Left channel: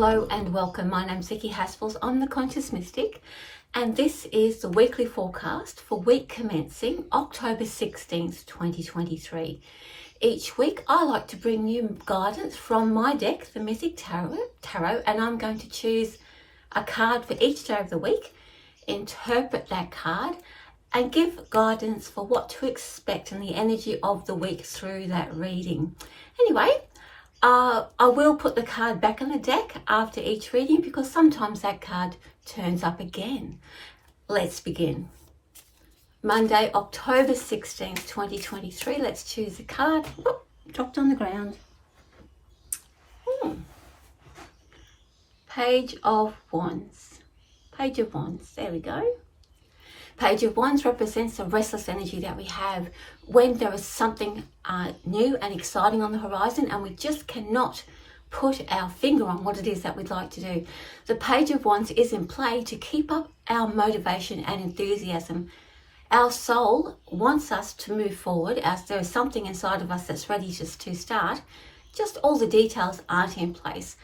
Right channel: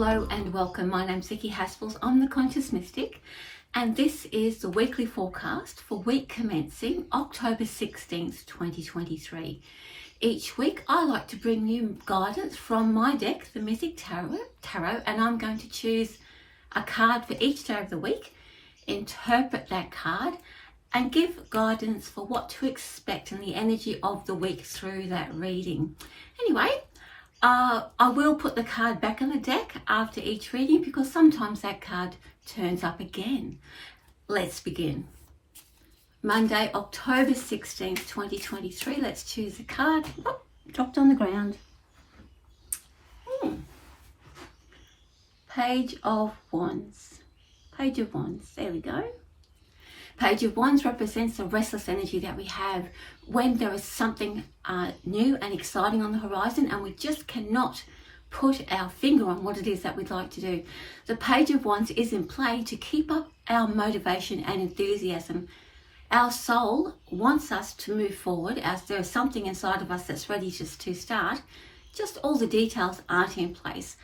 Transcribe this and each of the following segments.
Hello and welcome. My name's Vicki Haspels. I'm the Conscious Mystic, and this is the weekly forecast for week commencing October 16th, 2023. Each week I like to bring you guidance from my deck, the Mythic Tarot, and I'm going to choose a card for each day of the week, interpret that card, and give guidance for what to expect in the energy of the week through that reading. Anyway, I will put the card back on the deck after each reading because sometimes that card turns up again. Let's begin. Monday, October 16th, 2023. Let's choose a card. Oh, dropped on the ground. Page of Wands. Page of Wands. There we go. Page of Wands represents the restless energy that we have when there is something new and exciting on the horizon and we just cannot put our finger on what it is that we'd like to do. The Page of Wands is in play to keep up our motivation and enthusiasm. Our soul wants us to move forward as there is something inside of us that's ready just to start. Just all the details aren't in place.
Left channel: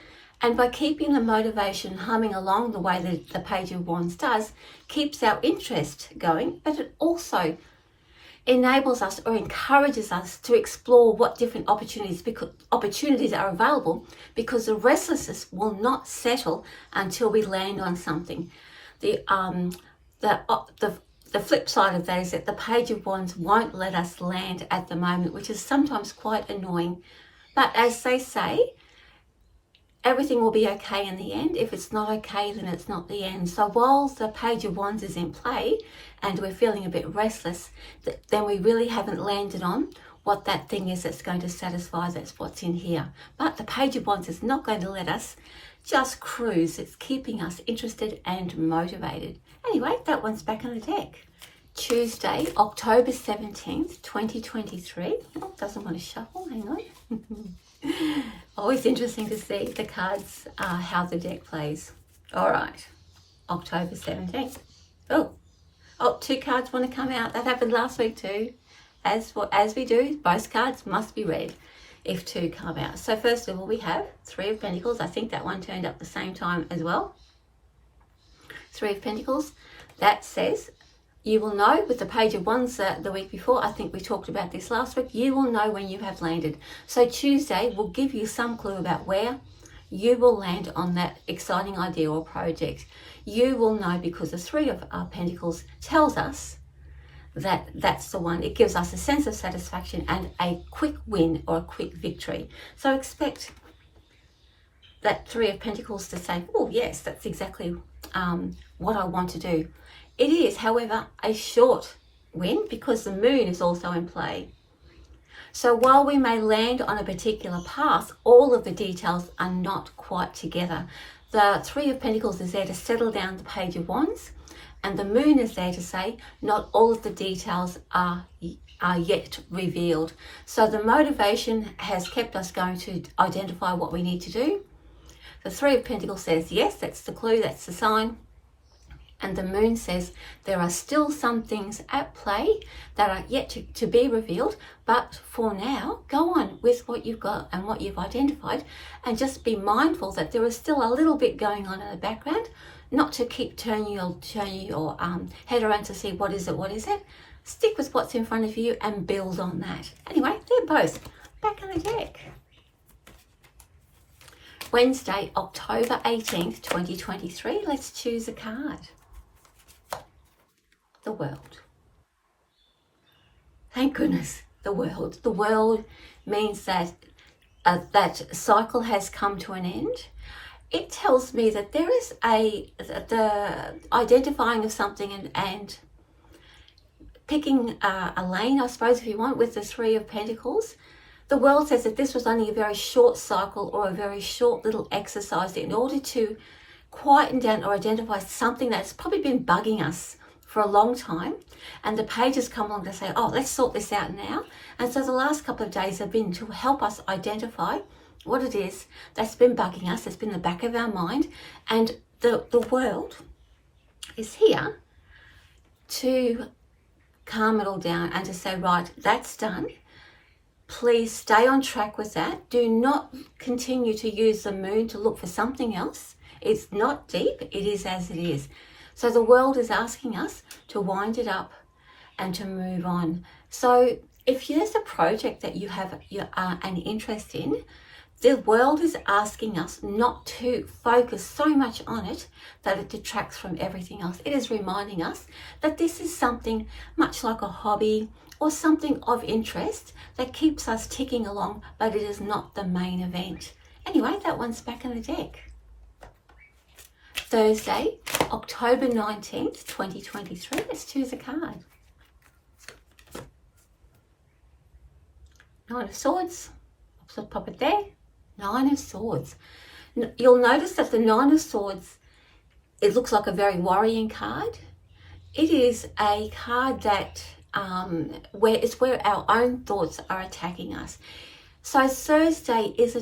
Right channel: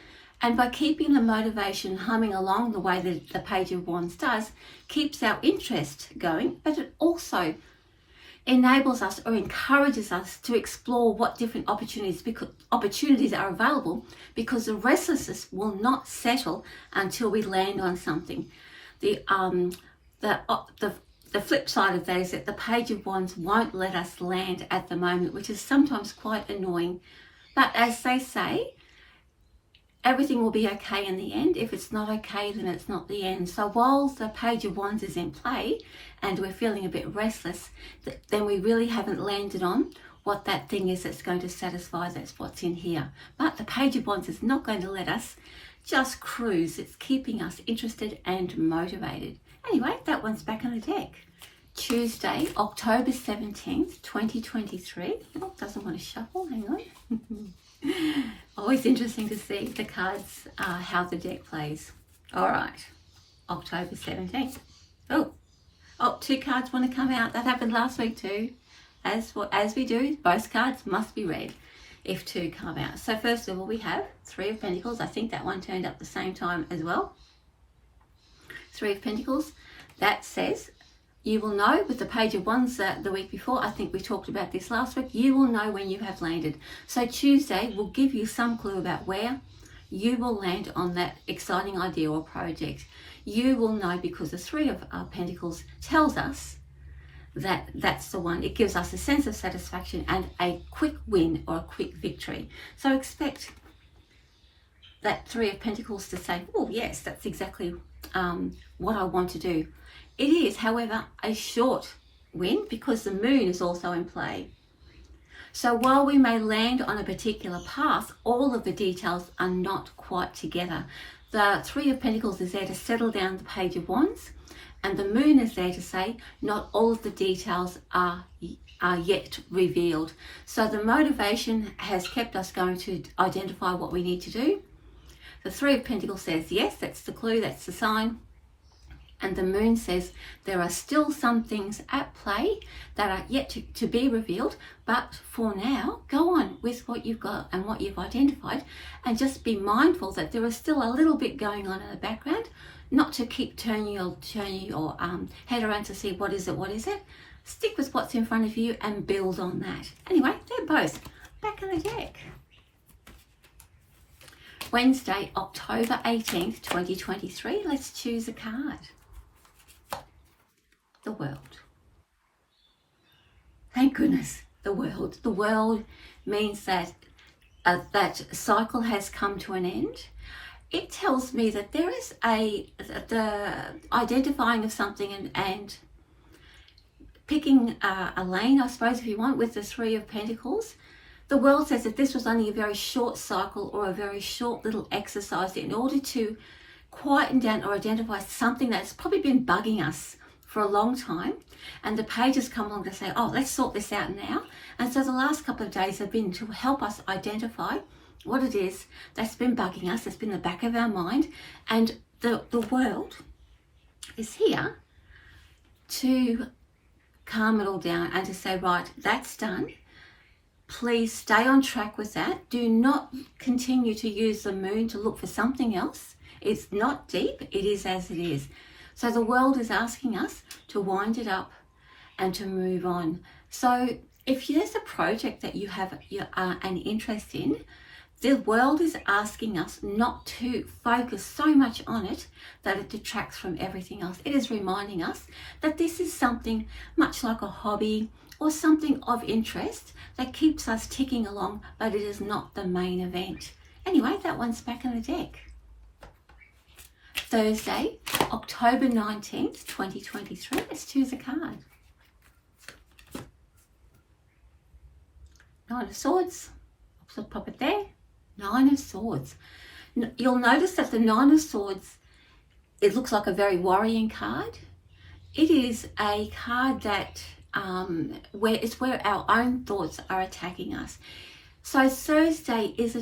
And by keeping the motivation humming along the way that the Page of Wands does, keeps our interest going, but it also enables us or encourages us to explore what different opportunities are available, because the restlessness will not settle until we land on something. The flip side of that is that the Page of Wands won't let us land at the moment, which is sometimes quite annoying. But as they say, everything will be okay in the end. If it's not okay, then it's not the end. So while the Page of Wands is in play and we're feeling a bit restless, then we really haven't landed on what that thing is that's going to satisfy. That's what's in here. But the Page of Wands is not going to let us just cruise. It's keeping us interested and motivated. Anyway, that one's back on the deck. Tuesday, October 17th, 2023. Oh, doesn't want to shuffle. Hang on. Always interesting to see the cards, how the deck plays. All right, October 17th. Oh, two cards want to come out. That happened last week too. As we do, both cards must be read if two come out. So first of all, we have Three of Pentacles. I think that one turned up the same time as well. Three of Pentacles. That says, you will know with the Page of Wands the week before, I think we talked about this last week, you will know when you have landed. So Tuesday will give you some clue about where you will land on that exciting idea or project. You will know because the Three of Pentacles tells us that that's the one. It gives us a sense of satisfaction and a quick win or a quick victory. So expect that Three of Pentacles to say, oh yes, that's exactly what I want to do. It is, however, a short win because the moon is also in play. So while we may land on a particular path, all of the details are not quite together. The Three of Pentacles is there to settle down the Page of Wands, and the moon is there to say not all of the details are yet revealed. So the motivation has kept us going to identify what we need to do. The Three of Pentacles says, yes, that's the clue, that's the sign. And the moon says there are still some things at play that are yet to be revealed. But for now, go on with what you've got and what you've identified. And just be mindful that there is still a little bit going on in the background. Not to keep turning your head around to see what is it. Stick with what's in front of you and build on that. Anyway, they're both back on the deck. Wednesday, October 18th, 2023. Let's choose a card. The World. Thank goodness, the World. The World means that that cycle has come to an end. It tells me that there is the identifying of something and picking a lane, I suppose, if you want, with the Three of Pentacles. The World says that this was only a very short cycle or a very short little exercise in order to quieten down or identify something that's probably been bugging us for a long time, and the pages come along to say, oh, let's sort this out now. And so the last couple of days have been to help us identify what it is that's been bugging us, that's been in the back of our mind, and the World is here to calm it all down and to say, right, that's done. please stay on track with that. Do not continue to use the moon to look for something else. It's not deep, it is as it is. So the world is asking us to wind it up and to move on. So if there's a project that you have an interest in, the world is asking us not to focus so much on it that it detracts from everything else. It is reminding us that this is something much like a hobby or something of interest that keeps us ticking along, but it is not the main event. Anyway, that one's back in the deck. Thursday, October 19th, 2023. Let's choose a card. Nine of Swords. I'll pop it there. Nine of Swords. You'll notice that the Nine of Swords, it looks like a very worrying card. It is a card that where our own thoughts are attacking us. So Thursday is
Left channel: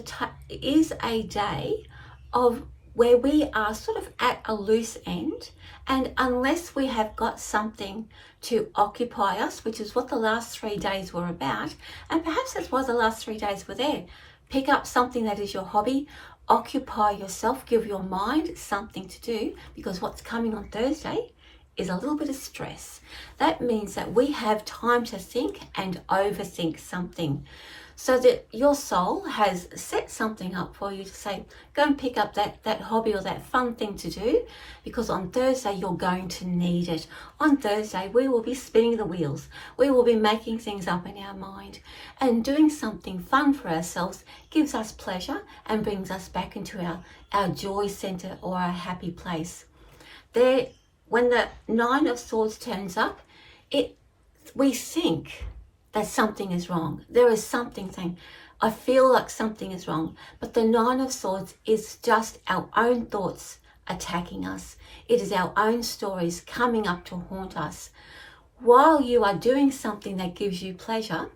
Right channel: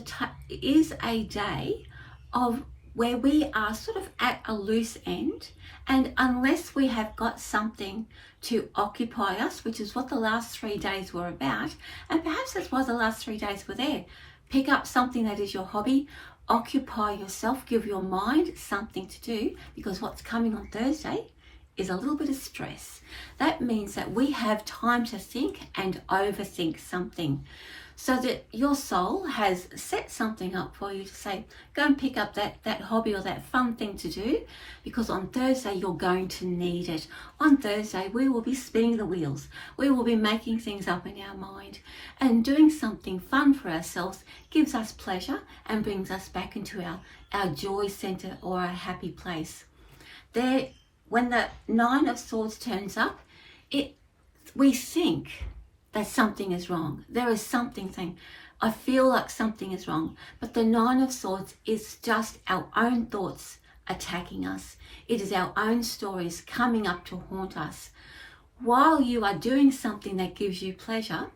a day of where we are sort of at a loose end, and unless we have got something to occupy us, which is what the last 3 days were about, and perhaps that's why the last 3 days were there. Pick up something that is your hobby, occupy yourself, give your mind something to do, because what's coming on Thursday is a little bit of stress. That means that we have time to think and overthink something, so that your soul has set something up for you to say, go and pick up that hobby or that fun thing to do, because on Thursday you're going to need it. On Thursday we will be spinning the wheels. We will be making things up in our mind, and doing something fun for ourselves gives us pleasure and brings us back into our joy center or our happy place. There, when the Nine of Swords turns up, we think that something is wrong. There is something. I feel like something is wrong. But the Nine of Swords is just our own thoughts attacking us. It is our own stories coming up to haunt us. While you are doing something that gives you pleasure,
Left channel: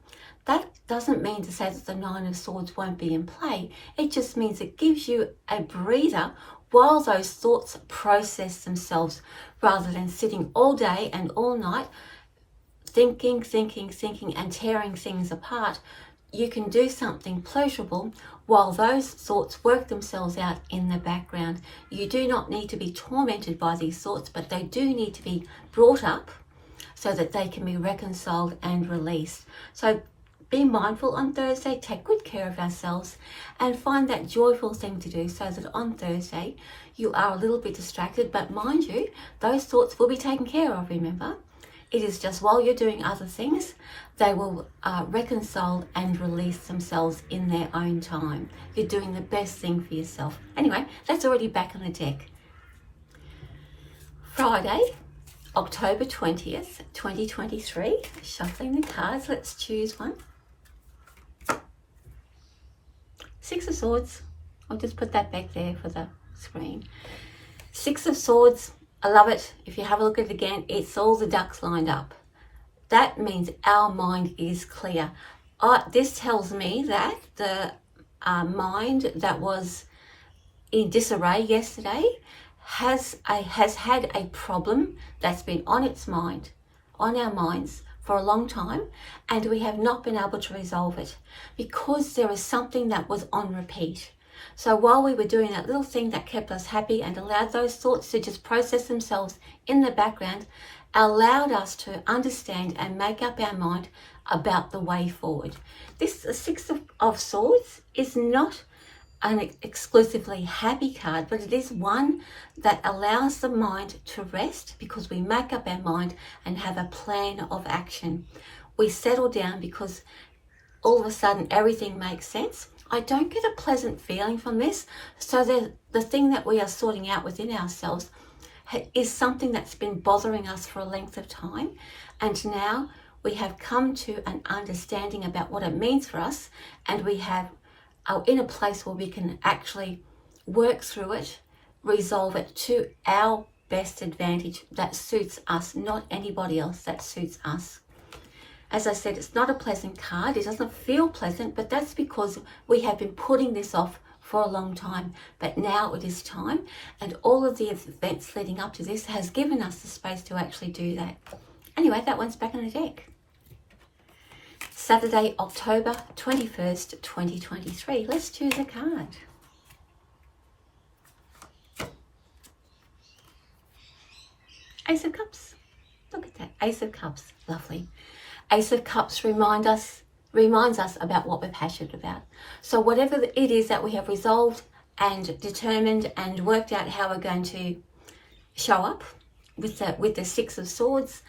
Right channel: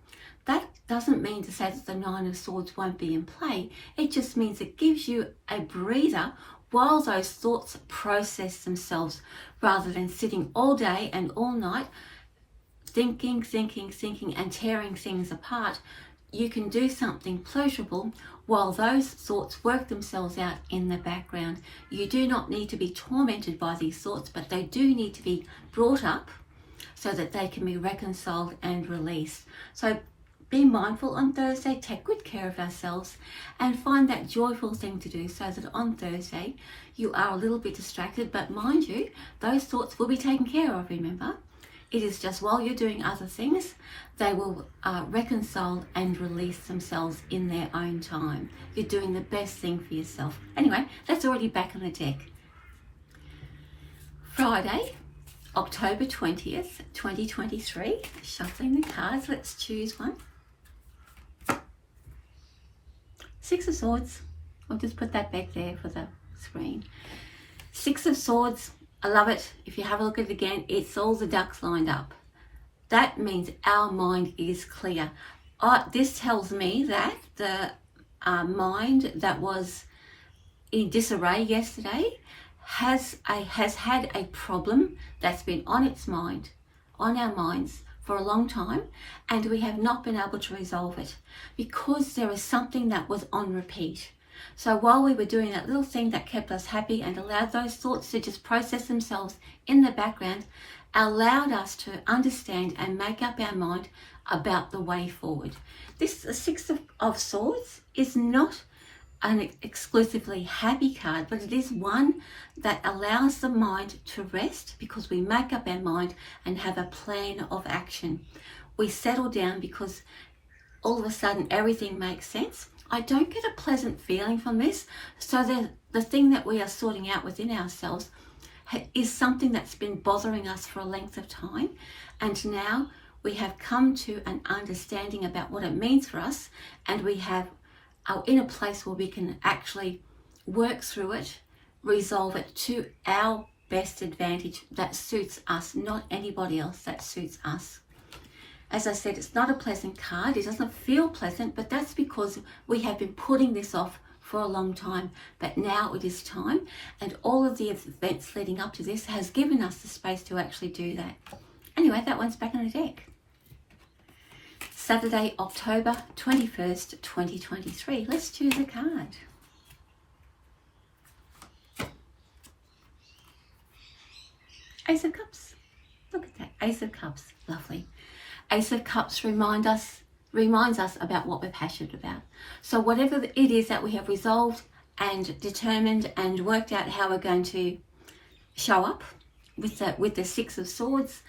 that doesn't mean to say that the Nine of Swords won't be in play. It just means it gives you a breather while those thoughts process themselves, rather than sitting all day and all night thinking and tearing things apart. You can do something pleasurable while those thoughts work themselves out in the background. You do not need to be tormented by these thoughts, but they do need to be brought up so that they can be reconciled and released. So be mindful on Thursday, take good care of ourselves, and find that joyful thing to do, so that on Thursday you are a little bit distracted, but mind you, those thoughts will be taken care of, remember. It is just while you're doing other things, they will reconcile and release themselves in their own time. You're doing the best thing for yourself. Anyway, that's already back on the deck. Friday, October 20th, 2023. Shuffling the cards, let's choose one. Six of Swords. I'll just put that back there for the screen. Six of Swords. I love it. If you have a look at it again, it's all the ducks lined up. That means our mind is clear. This tells me that the mind that was in disarray yesterday has had a problem that's been on its mind, on our minds for a long time, and we have not been able to resolve it because there is something that was on repeat. So while we were doing that little thing that kept us happy and allowed those thoughts to just process themselves in the background, allowed us to understand and make up our mind about the way forward. This Six of Swords is not an exclusively happy card, but it is one that allows the mind to rest, because we make up our mind and have a plan of action. We settle down because all of a sudden everything makes sense. I don't get a pleasant feeling from this. So the thing that we are sorting out within ourselves is something that's been bothering us for a length of time. And now we have come to an understanding about what it means for us, and we are in a place where we can actually work through it, resolve it to our best advantage that suits us, not anybody else, that suits us. As I said, it's not a pleasant card. It doesn't feel pleasant, but that's because we have been putting this off for a long time. But now it is time, and all of the events leading up to this has given us the space to actually do that. Anyway, that one's back on the deck. Saturday, October 21st, 2023. Let's choose a card. Ace of Cups. Look at that. Ace of Cups. Lovely. Ace of Cups reminds us about what we're passionate about. So whatever it is that we have resolved and determined and worked out how we're going to show up with the Six of Swords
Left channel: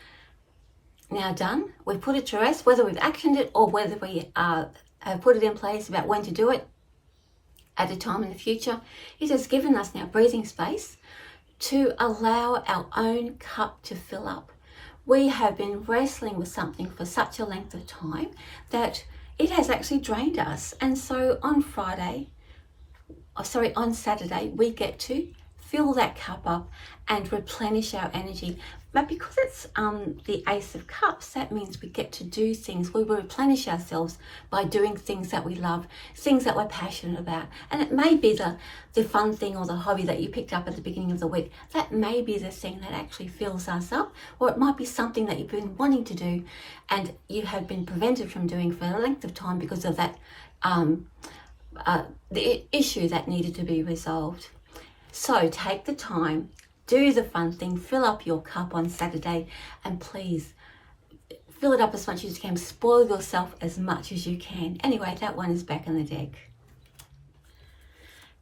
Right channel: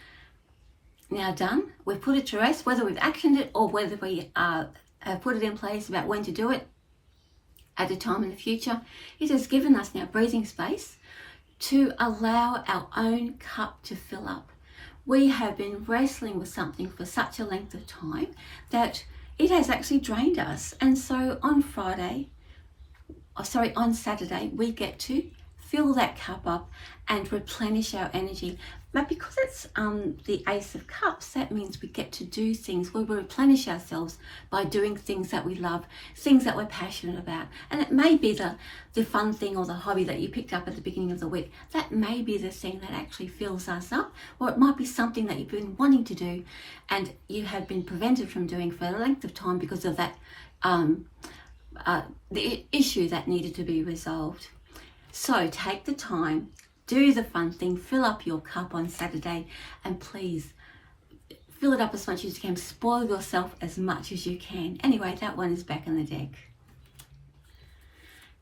now done, we've put it to rest, whether we've actioned it or whether we have put it in place about when to do it at a time in the future. It has given us now breathing space to allow our own cup to fill up. We have been wrestling with something for such a length of time that it has actually drained us. And so on Saturday, we get to fill that cup up and replenish our energy. But because it's the Ace of Cups, that means we get to do things. We will replenish ourselves by doing things that we love, things that we're passionate about. And it may be the fun thing or the hobby that you picked up at the beginning of the week. That may be the thing that actually fills us up. Or it might be something that you've been wanting to do and you have been prevented from doing for a length of time because of that the issue that needed to be resolved. So take the time, do the fun thing, fill up your cup on Saturday, and please fill it up as much as you can. Spoil yourself as much as you can. Anyway, that one is back in the deck.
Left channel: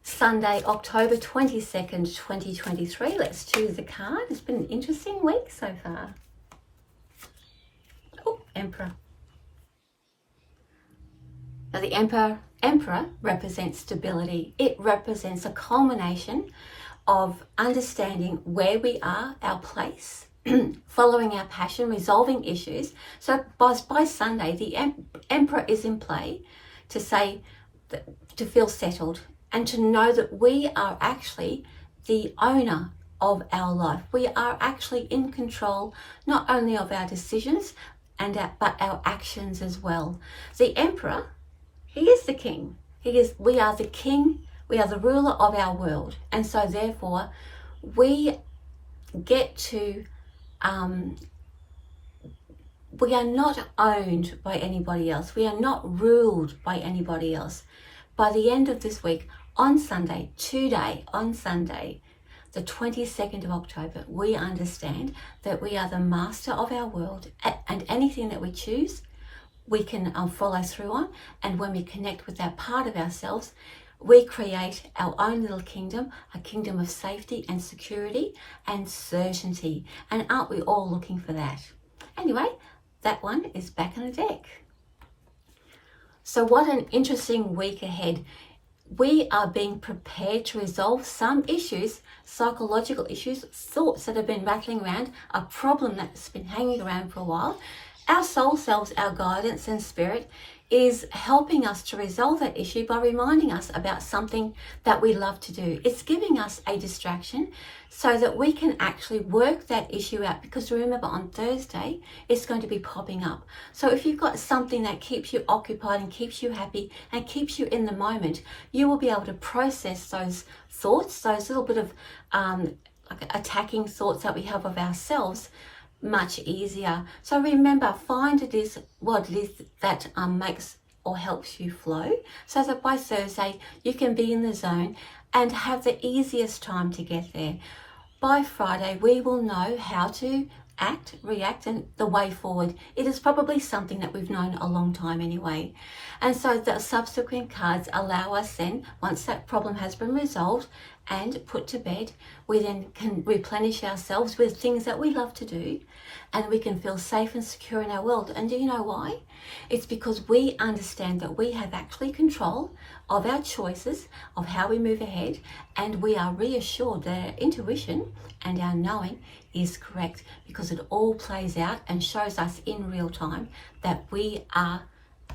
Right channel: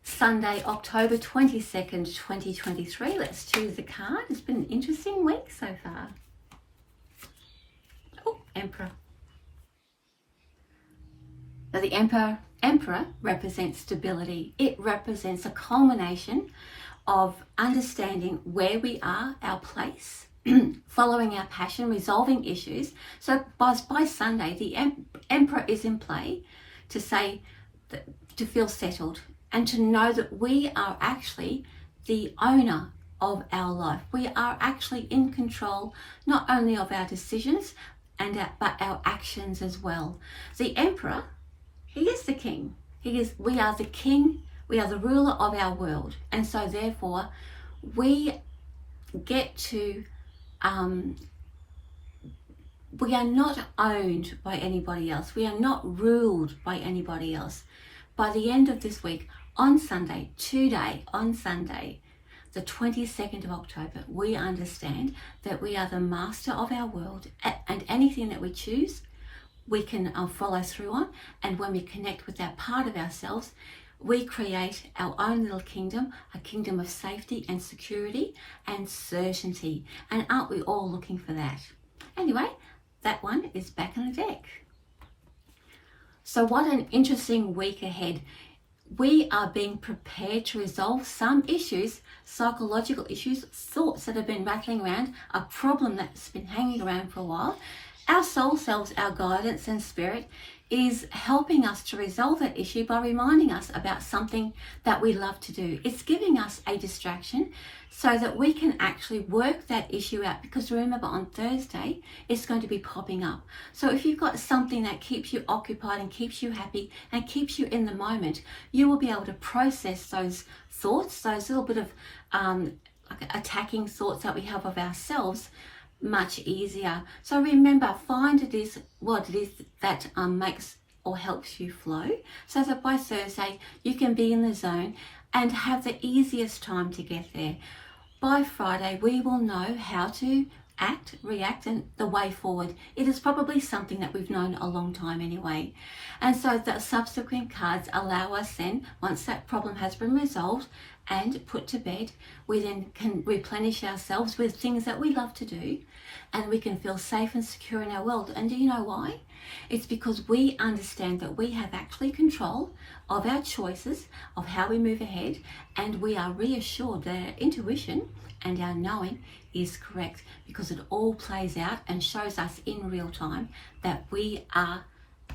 Sunday, October 22nd, 2023. Let's choose a card. It's been an interesting week so far. Oh, Emperor. Now the Emperor represents stability. It represents a culmination of understanding where we are, our place, following our passion, resolving issues. So by Sunday, the Emperor is in play to say, to feel settled and to know that we are actually the owner of our life. We are actually in control, not only of our decisions but our actions as well. The Emperor, he is the king. We are the king. We are the ruler of our world. And so therefore, we get to, we are not owned by anybody else. We are not ruled by anybody else. By the end of this week, on Sunday, the 22nd of October, we understand that we are the master of our world, and anything that we choose, we can follow through on. And when we connect with that part of ourselves, we create our own little kingdom, a kingdom of safety and security and certainty. And aren't we all looking for that? Anyway, that one is back in the deck. So what an interesting week ahead. We are being prepared to resolve some issues, psychological issues, thoughts that have been rattling around, a problem that's been hanging around for a while. Our soul selves, our guidance and spirit is helping us to resolve that issue by reminding us about something that we love to do. It's giving us a distraction so that we can actually work that issue out, because remember, on Thursday it's going to be popping up. So if you've got something that keeps you occupied and keeps you happy and keeps you in the moment, you will be able to process those thoughts, those little bit of like attacking thoughts that we have of ourselves, much easier. So remember, find what it is that makes or helps you flow, so that by Thursday you can be in the zone and have the easiest time to get there. By Friday we will know how to act, react, and the way forward. It is probably something that we've known a long time anyway. And so the subsequent cards allow us then, once that problem has been resolved and put to bed, we then can replenish ourselves with things that we love to do, and we can feel safe and secure in our world. And do you know why? It's because we understand that we have actually control of our choices, of how we move ahead, and we are reassured that our intuition and our knowing is correct, because it all plays out and shows us in real time that we are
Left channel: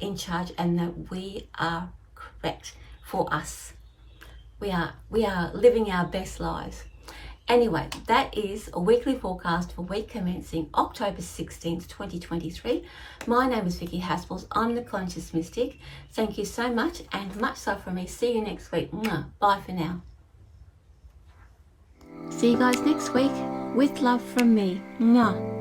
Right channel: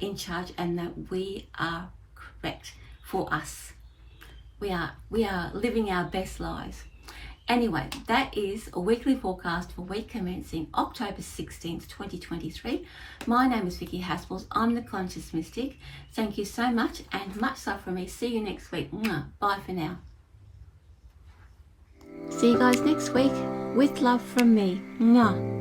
in charge and that we are correct for us. We are living our best lives. Anyway, that is a weekly forecast for week commencing October 16th, 2023. My name is Vicki Haspels. I'm the Conscious Mystic. Thank you so much, and much love from me. See you next week. Bye for now. See you guys next week with love from me. Mwah.